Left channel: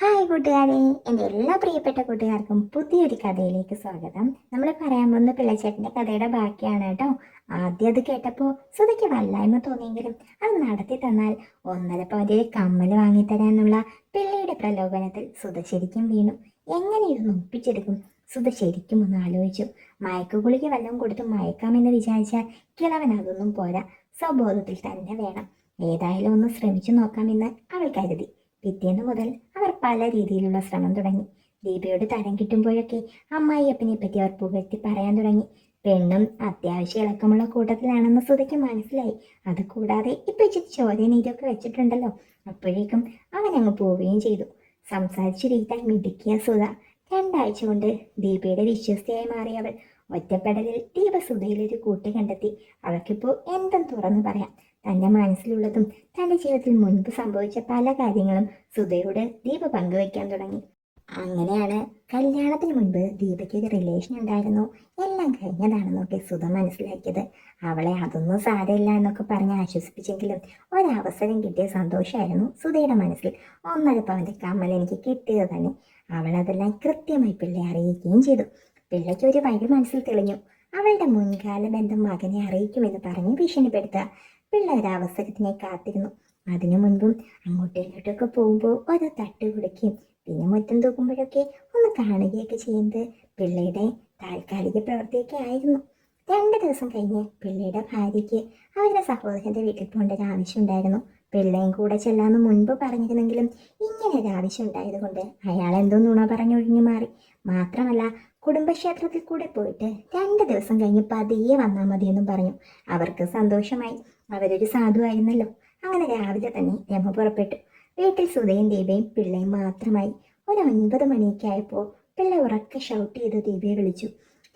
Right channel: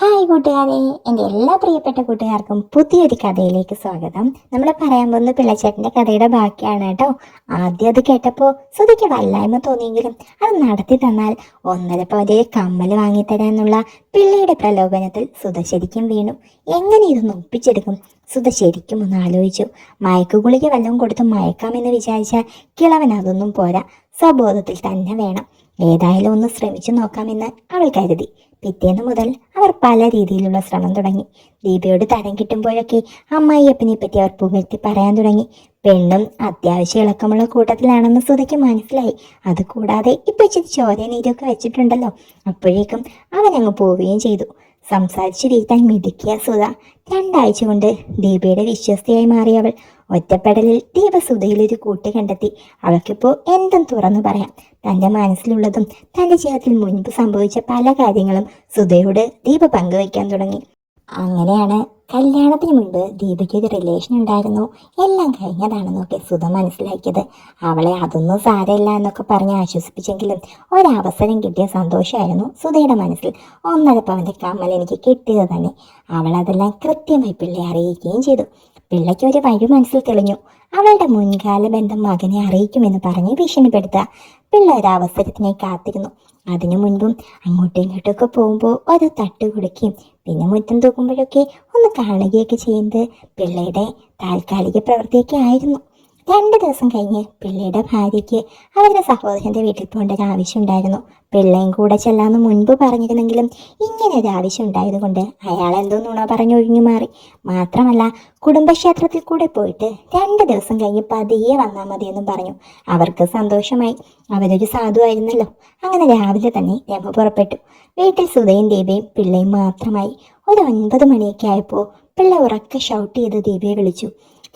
Hi കൂട്ടുകാരെ. എന്റെ എല്ലാ പ്രിയപ്പെട്ട കൂട്ടുകാർക്കും പുതിയൊരു കഥയിലേക്ക് സ്വാഗതം. നമ്മൾ പറയാൻ പോകുന്ന പിള്ളച്ചേട്ടന്റെ കഥയുടെ ബാക്കിയാണ് കേട്ടോ. ആദ്യം അത് കേട്ടപ്പോൾ സുധിക്ക് വല്ലായ്മ തോന്നിയെങ്കിലും അത് നടത്തി തന്നാൽ ഒന്നര പോലെ കമ്മൽ വാങ്ങിത്തരാനുള്ള പിള്ളയുടെ പ്രലോഭനത്തിൽ സുധ ശരിക്കും വീണു. എങ്ങനെ ഇതൊന്ന് ഒപ്പിച്ചെടുക്കും സുധ ശരിക്കും ഒന്ന് ആലോചിച്ചു. മയക്കുകുളിക്ക് വല്ലതും കൊടുത്ത് മയക്കാമെന്ന് വിചാരിച്ചാൽ കിളവൻ അതൊന്നും പോരാ. സ്വബോധത്തിൽ തന്നെ വേണം. ഏതായാലും ഒന്ന് ശ്രമിച്ചു നോക്കാമെന്ന് അവൾ കരുതി. പിറ്റേന്ന് മുതൽ അവർ പല രീതിയിലുള്ള ശ്രമം തുടങ്ങി. ദീപയോട് തരം കിട്ടുമ്പോഴൊക്കെ അമ്മായിയപ്പനെ പറ്റി അവർ പുകഴ്ത്തി പറയാൻ തുടങ്ങി. പെണ്ണും അത്യാവശ്യ ഇളക്കമുള്ള കൂട്ടത്തിലാണെന്ന് സുധയ്ക്ക് മനസ്സിലായി. അത് കൂടാതെ ഇപ്പൊ ഇച്ചിരി ചോര നീരൊക്കെ വെച്ചിട്ടുണ്ടല്ലോ. അപ്പോഴേക്കും അവൻ അങ്ങ് പോവുകയും ചെയ്തു. സംസാരിച്ചിരിക്കാൻ മിടുക്കിയ സുധ രണ്ടാഴ്ച കൊണ്ട് ദീപയുടെ വിശ്വസ്തയായി മാറിയ അവൾ. ഒറ്റപ്പെടലിൽ ദീപ ഒരു കൂട്ട് കണ്ടെത്തി. അവൾക്കിപ്പോൾ എന്തും തുറന്നു പറയാം. തന്റെ മനസ്സിലുള്ളതും തന്റെ ജീവിതത്തിൽ മുൻപ് സംഭവിച്ച പല കാര്യങ്ങളും സുധയോട് ദീപ പങ്കുവയ്ക്കാൻ തുടങ്ങി. അങ്ങനെയാണ് കല്യാണത്തിന് മുൻപ് ദീപയ്ക്ക് ഒരു റിലേഷൻ ഉണ്ടായിരുന്നു. എല്ലാം കഴിഞ്ഞതാണെന്നൊക്കെ സുധ മനസ്സിലാക്കിയത്. അവളെ അതൊന്നും സാരമില്ല എന്നൊക്കെ പറഞ്ഞ് ആശ്വസിപ്പിച്ചെങ്കിലും ഒരവസരം കിട്ടിയ സന്തോഷമായിരുന്നു സുധയുടെ മനസ്സിൽ. ഒന്നരപ്പം അവന്റെ കമ്മൽ എനിക്ക് കിട്ടിയത് തന്നെ. അവൾ അതെല്ലാം കൃത്യമായി പിള്ളയെ അറിയിക്കുകയും ചെയ്തു. പിള്ളയ്ക്ക് ഒരു വഴി മനസ്സിൽ തെളിഞ്ഞു. അവളുടെ മുൻകാല ബന്ധം മകനെ അറിയിക്കുമെന്ന് പറഞ്ഞ് ഭീഷണിപ്പെടുത്തുക. പിള്ള ഒരു അവസരത്തിനായി കാത്തിരുന്നു. അതിനു മുൻപും അങ്ങോട്ടും ഇങ്ങോട്ടൊക്കെ പോകുമ്പോൾ ഓരോ തട്ട് കൊടുക്കുകയും പിന്നെ മുറ്റം തൂക്കുമ്പോഴൊക്കെ ഒന്ന് കാണുകയൊക്കെ ചെയ്യുന്നത് പിള്ളയുടെ താൽക്കാലിക പ്രവൃത്തിയൊക്കെ ആയിരുന്നു. രണ്ട് ദിവസം കഴിഞ്ഞ് പിള്ളയുടെ ഭാര്യയ്ക്ക് അവരുടെ സഹോദരന്റെ വീട്ടിൽ പോകേണ്ട ഒരു ആവശ്യം ഉണ്ടായിരുന്നു പിള്ളയും കൂടെ ചെല്ലാന്ന് മുൻപ് പറഞ്ഞിരുന്നെങ്കിലും ഇങ്ങനെ ഒരു ആവശ്യം ഉണ്ടായതുകൊണ്ട് അയാൾ എന്തോ നുണ പറഞ്ഞു ഒഴിഞ്ഞു മാറി. മാത്രമല്ല കുടുംബക്ഷേത്രത്തിൽ കൂടെ പോയിട്ട് രണ്ട് ദിവസം കഴിഞ്ഞ് പതിയെ വന്നാൽ മതിയെന്നും പറഞ്ഞു. അവർക്ക് സന്തോഷമായി. അവരൊരു സാധുവായിരുന്നല്ലോ അങ്ങനെ രാവിലെ തന്നെ രമ പുറപ്പെട്ടു. വീട്ടിൽ സുധയും ദീപയും പിള്ളയും മാത്രമായി. ഒരു ഒൻപത് മണിയൊക്കെ ആയപ്പോൾ പിള്ള ഉറക്കെ ഷൗട്ട് ചെയ്ത് ദീപയെ വിളിച്ചു.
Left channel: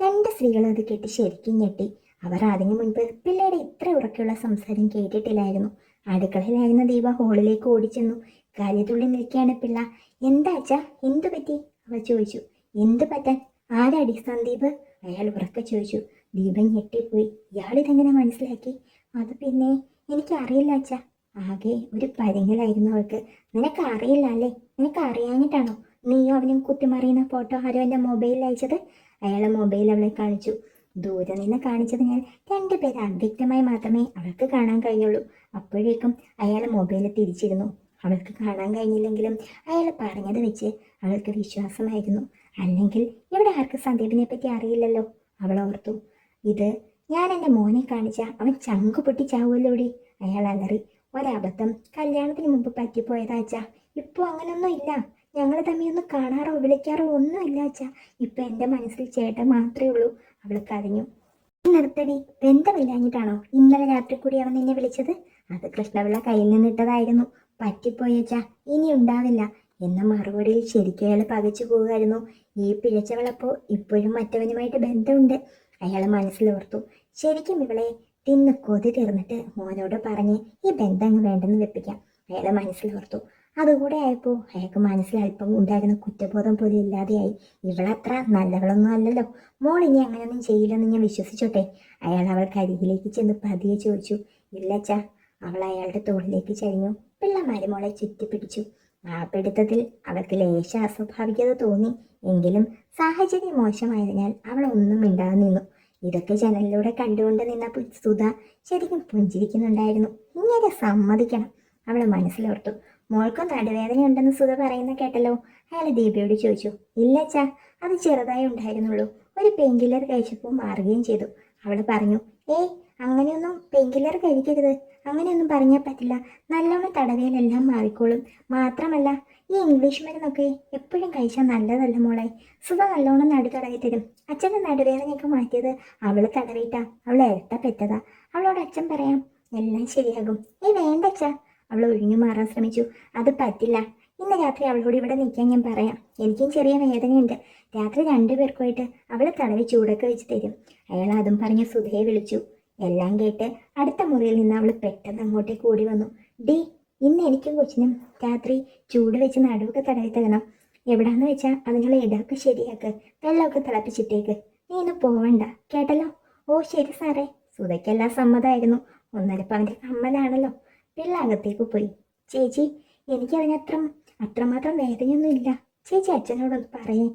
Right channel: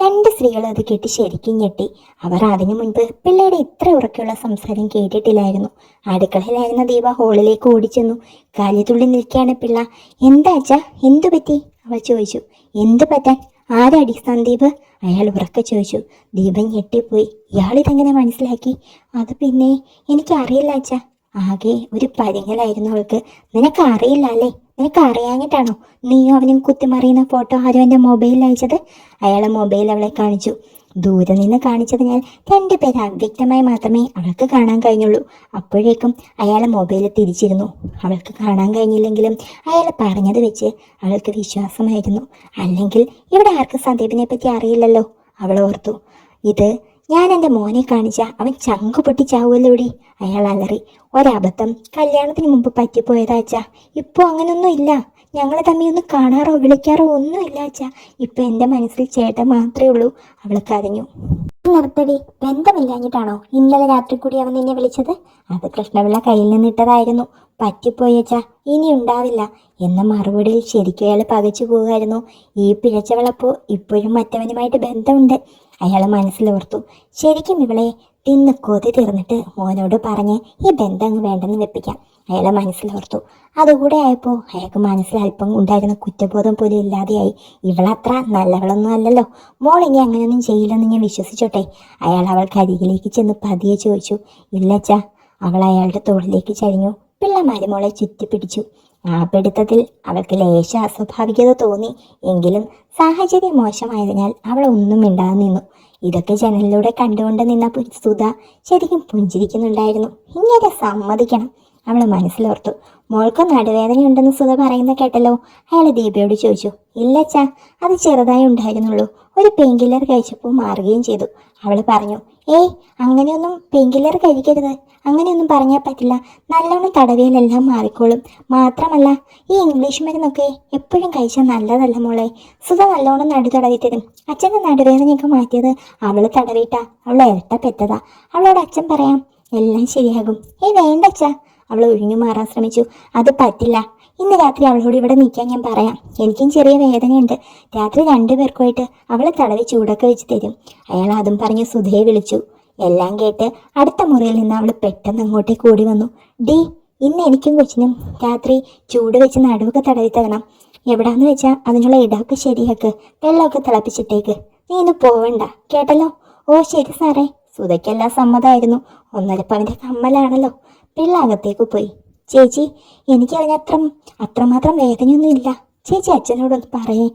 രണ്ട് സ്ത്രീകളും അത് കേട്ട് ശരിക്കും ഞെട്ടി. അവർ അതിനു മുൻപ് പിള്ളയുടെ ഇത്ര ഉറക്കെയുള്ള സംസാരം കേട്ടിട്ടില്ലായിരുന്നു. അടുക്കളയിലായിരുന്ന ദീപ ഹോളിലേക്ക് ഓടിച്ചെന്നു. കാലിതുള്ളി നിൽക്കുകയാണ് പിള്ള. എന്താ അച്ഛാ? എന്തു പറ്റി? അവൾ ചോദിച്ചു. എന്തു പറ്റാൻ? ആരടി സന്ദീപ്? അയാൾ ഉറക്കെ ചോദിച്ചു. ദീപൻ ഞെട്ടിപ്പോയി. ഇയാളിതെങ്ങനെ മനസ്സിലാക്കി? അത് പിന്നെ എനിക്കറിയില്ല അച്ഛാ. ആകെ ഒരു പരിങ്ങലായിരുന്നു അവൾക്ക്. നിനക്ക് അറിയില്ല അല്ലേ? നിനക്ക് അറിയാഞ്ഞിട്ടാണോ നീയും അവനും കുത്തിമറിയുന്ന ഫോട്ടോ ആരും എന്റെ മൊബൈലിൽ അയച്ചത്? അയാളെ മൊബൈൽ അവളെ കാണിച്ചു. ദൂരെ നിന്ന് കാണിച്ചതിനാൽ രണ്ടുപേരെ അവ്യക്തമായി മാത്രമേ അവൾക്ക് കാണാൻ കഴിഞ്ഞുള്ളൂ. അപ്പോഴേക്കും അയാളെ മൊബൈൽ തിരിച്ചിരുന്നു. അവൾക്ക് കാണാൻ കഴിഞ്ഞില്ലെങ്കിലും അയാൾ പറഞ്ഞത് വെച്ച് അവൾക്ക് വിശ്വാസമായിരുന്നു. അല്ലെങ്കിൽ ഇവിടെ ആർക്കും സന്ദീപിനെ പറ്റി അറിയില്ലല്ലോ. അവൾ ഓർത്തു ഇത് ഞാൻ എന്റെ മോനെ കാണിച്ച. അവൻ ചങ്കു പൊട്ടിച്ചാവുമല്ലോ ഇവിടെ അയാൾ അലറി. ഒരബദ്ധം. കല്യാണത്തിന് മുമ്പ് പറ്റിപ്പോയതാ അച്ഛാ. ഇപ്പോൾ അങ്ങനൊന്നും ഇല്ല. ഞങ്ങളെ തമ്മിൽ ഒന്നും കാണാറോ വിളിക്കാറോ ഒന്നുമില്ല അച്ഛാ. ഇപ്പൊ എന്റെ മനസ്സിൽ ചേട്ടൻ മാത്രമേ ഉള്ളൂ. അവൾ കരഞ്ഞു. നിർത്തടി. ബന്ധമില്ലാഞ്ഞിട്ടാണോ ഇന്നലെ രാത്രി കൂടി അവൻ നിന്നെ വിളിച്ചത്? അത് കൃഷ്ണപിള്ള കയ്യിൽ നിന്നിട്ടതായിരുന്നു പറ്റിപ്പോയി പറ്റിപ്പോയച്ചാ ഇനി ഉണ്ടാവില്ല. എന്ന മറുപടിയിൽ ശരിക്കും അയാൾ പകച്ചു പോവുമായിരുന്നു ഈ പിഴച്ചവളപ്പോ ഇപ്പോഴും മറ്റവനുമായിട്ട് ബന്ധമുണ്ട്. അയാൾ മനസ്സിലോർത്തു. ശരിക്കും ഇവളെ തിന്ന് കൊതി തീർന്നിട്ട് മോനോട് പറഞ്ഞ് ഈ ബന്ധം വേണ്ടെന്ന് വെപ്പിക്കാം. അയാളെ മനസ്സിലോർത്തു. അതുകൂടെ ആയപ്പോൾ അയാൾക്ക് മനസ്സിൽ അല്പം ഉണ്ടായിരുന്ന കുറ്റബോധം പോലും ഇല്ലാതെയായി. ഇവളത്ര നല്ലവളൊന്നും അല്ലല്ലോ. മോൾ ഇനി അങ്ങനെയൊന്നും ചെയ്യില്ലെന്ന് ഞാൻ വിശ്വസിച്ചോട്ടെ. അയാൾ അവൾക്ക് അരികിലേക്ക് ചെന്ന് പതിയെ ചോദിച്ചു ഇല്ലച്ച അവൾ അയാളുടെ തോളിലേക്ക് ചരിഞ്ഞു. പിള്ളമാര് മോളെ ചുറ്റിപ്പിടിച്ചു. ആ പിടുത്തത്തിൽ അവൾക്ക് ലേശ അസ്വാഭാവികത തോന്നി. എങ്കിലും സാഹചര്യം മോശമായതിനാൽ അവൾ ഒന്നും മിണ്ടാതെ നിന്നു. ഇതൊക്കെ ജനലിലൂടെ കണ്ടുകൊണ്ട് നിന്ന സുധ ശരിക്കും പുഞ്ചിരിക്കുന്നുണ്ടായിരുന്നു. ഇങ്ങനെ സമ്മതിക്കണം. അവൾ മനസ്സിലോർത്തു. മോൾക്ക് നടുവേദനയുണ്ടെന്ന് സുധ പറയുന്ന കേട്ടല്ലോ. അയാൾ ദീപയോട് ചോദിച്ചു ഇല്ലച്ചാ അത് ചെറുതായി ഉണ്ടായിരുന്നുള്ളൂ. ഒരു പെയിൻ കില്ലർ കഴിച്ചപ്പോൾ മാറുകയും ചെയ്തു. അവൾ പറഞ്ഞു ഏയ് അങ്ങനെയൊന്നും പെയിൻ കില്ലർ കഴിക്കരുത്. അങ്ങനെയൊന്നും പറഞ്ഞാൽ പറ്റില്ല. നല്ലോണം തടവിയിലെല്ലാം മാറിക്കോളും. മാത്രമല്ല ഈ ഇംഗ്ലീഷ് മരുന്നൊക്കെ എപ്പോഴും കഴിച്ചാൽ നല്ലതല്ല മോളെ. സുധ നല്ലോണം നടു തടവി തരും. അച്ഛന്റെ നടുവേദനയൊക്കെ മാറ്റിയത് അവൾ തടവിയിട്ടാ. അവൾ ഇരട്ട പെറ്റതാ. അവളോട് അച്ഛൻ പറയാം എല്ലാം ശരിയാകും. ഏയ് വേണ്ട അച്ഛാ. അവൾ ഒഴിഞ്ഞു മാറാൻ ശ്രമിച്ചു. അത് പറ്റില്ല. ഇന്ന് രാത്രി അവളോട് ഇവിടെ നിൽക്കാൻ ഞാൻ പറയാം. എനിക്കും ചെറിയ വേദനയുണ്ട്. രാത്രി രണ്ടുപേർക്കുമായിട്ട് അവളെ തടവി ചൂടൊക്കെ വെച്ച് തരും. അയാൾ അതും പറഞ്ഞ് സുധയെ വിളിച്ചു. എല്ലാം കേട്ട് അടുത്ത മുറിയിൽ നിന്ന് അവൾ പെട്ടെന്ന് അങ്ങോട്ടേക്ക് ഓടി വന്നു. ഡി ഇന്ന് എനിക്കും കൊച്ചിനും രാത്രി ചൂട് വെച്ച് നടുവൊക്കെ തടവി തരണം. എവിടാന്ന് വെച്ചാൽ അതിനുള്ള ഇടാക്ക് ശരിയാക്ക്. വെള്ളമൊക്കെ തിളപ്പിച്ചിട്ടേക്ക്. നീ ഇന്ന് പോവണ്ട. കേട്ടല്ലോ? ഓ ശരി സാറേ. സുധയ്ക്കെല്ലാം സമ്മതമായിരുന്നു. ഒന്നരപ്പവന്റെ കമ്മലാണല്ലോ. പിള്ള അകത്തേക്ക് പോയി. ചേച്ചി എനിക്ക് അത്ര അത്രമാത്രം വേദനയൊന്നുമില്ല. ചേച്ചി അച്ഛനോടൊന്ന് പറയേ.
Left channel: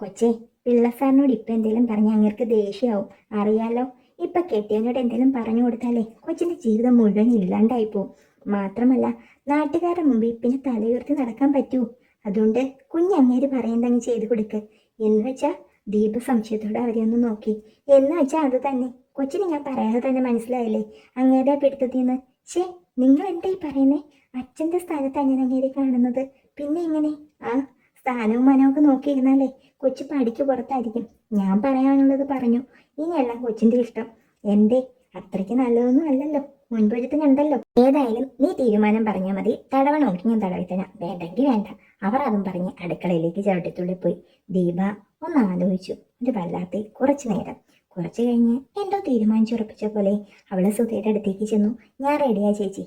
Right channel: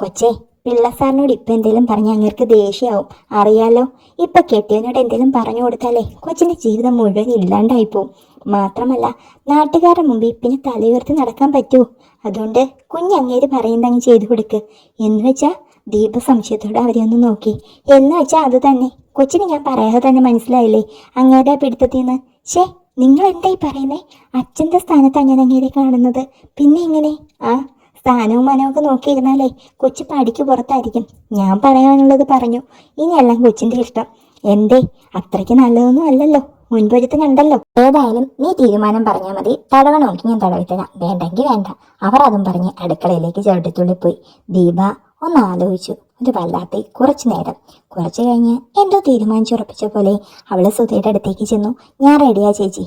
കൊച്ചേ പിള്ള സാറിനോട് ഇപ്പം എന്തെങ്കിലും പറഞ്ഞ അങ്ങേർക്ക് ദേഷ്യമാവും അറിയാലോ ഇപ്പൊ കെട്ടിയവനോട് എന്തെങ്കിലും പറഞ്ഞു കൊടുത്താലേ കൊച്ചിന്റെ ജീവിതം മുഴുവൻ ഇല്ലാണ്ടായി പോവും. മാത്രമല്ല നാട്ടുകാരുടെ മുമ്പിൽ പിന്നെ തലയുയർത്തി നടക്കാൻ പറ്റുമോ അതുകൊണ്ട് കുഞ്ഞങ്ങേര് പറയുന്നതങ്ങ് ചെയ്തു കൊടുക്ക്. എന്ന് വെച്ചാൽ ദീപ സംശയത്തോടെ അവരെ ഒന്ന് നോക്കി. എന്ന് വെച്ചാൽ അത് തന്നെ. കൊച്ചിന് ഞാൻ പറയാതെ തന്നെ മനസ്സിലായില്ലേ? അങ്ങേരുടെ പിടുത്തത്തിന്ന് ഷേ നിങ്ങൾ എന്തായി പറയുന്നേ? അച്ഛന്റെ സ്ഥാനത്താണ് ഞാൻ അങ്ങേരെ കാണുന്നത്. പിന്നെ എങ്ങനെ? ആ സ്ഥാനവും മനവും ഒക്കെ നോക്കിയിരുന്നാലേ കൊച്ചു പടിക്ക് പുറത്തായിരിക്കും. ഞാൻ പറയാനുള്ളത് പറഞ്ഞു. ഇനിയെല്ലാം കൊച്ചിന്റെ ഇഷ്ടം. എന്തേ? അത്രയ്ക്ക് നല്ലതൊന്നും അല്ലല്ലോ. മുൻപൊരുത്തം കണ്ടല്ലോ ഏതായാലും നീ തീരുമാനം പറഞ്ഞാൽ മതി. തടവണമെങ്കിൽ ഞാൻ തടവിത്തരാം വേണ്ടെങ്കിൽ വേണ്ട. അവർ അതും പറഞ്ഞ് അടുക്കളയിലേക്ക് ചവിട്ടിത്തുള്ളിപ്പോയി. ദീപ ഒന്ന് ആലോചിച്ചു ഒരു വല്ലാത്ത കുറച്ചു നേരം. കുറച്ചു കഴിഞ്ഞ് എന്തോ തീരുമാനിച്ചുറപ്പിച്ച പോലെ അവൾ സുധയുടെ അടുത്തേക്ക് ചെന്നു. ഞാൻ റെഡിയാ ചേച്ചി.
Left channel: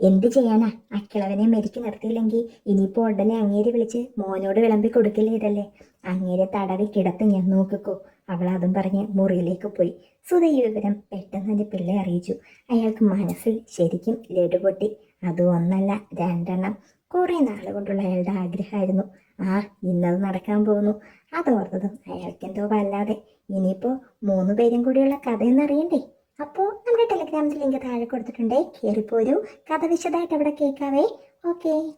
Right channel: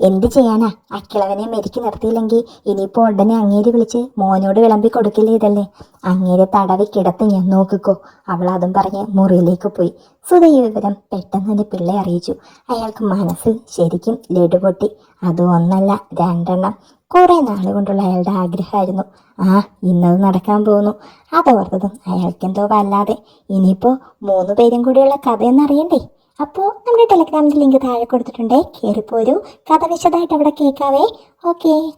എന്ത് ചെയ്യാനാ? അക്കിളവനെ മെരുക്കി നിർത്തിയില്ലെങ്കിൽ ഇനിയിപ്പോൾ ഉടനെ അങ്ങേര് വിളിച്ച് മോനോട് വിളമ്പി കൊടുക്കില്ലേ ഇതല്ലേ? അങ്ങേരെ തടവി കിടത്ത് ഞാൻ നോക്കിക്കോ. അവൾ അതും പറഞ്ഞ് മുറിയിലേക്ക് പോയി. സുധ ഈ വിവരം പെട്ടെന്ന് തന്നെ പിള്ളെ അറിയിച്ചു. അയാൾക്ക് മനസ്സിൽ ശരിക്കും ലഡു പൊട്ടി അത് ഒന്നല്ല രണ്ടെണ്ണം. കുറേ നാളുകൊണ്ടുള്ള അയാളുടെ ആഗ്രഹമായിരുന്നു. ആ ഇന്നത് നടക്കാൻ പോകുന്നു. അതോർത്തതും അയാൾക്കെന്തോ വല്ലാതെ. ഇനിയിപ്പോൾ മൂന്ന് പേരും കൂടിയുള്ള കഥയെന്നറിയണ്ടേ അപ്പോൾ നമ്മുടെ ടെലഗ്രാമിന്റെ ലിങ്ക് താഴെ കൊടുത്തിട്ടുണ്ടേ. കയറിപ്പോരൂ കഥ വിശദമായിട്ട് അവിടെ കേൾക്കാവേ. ഓക്കേ.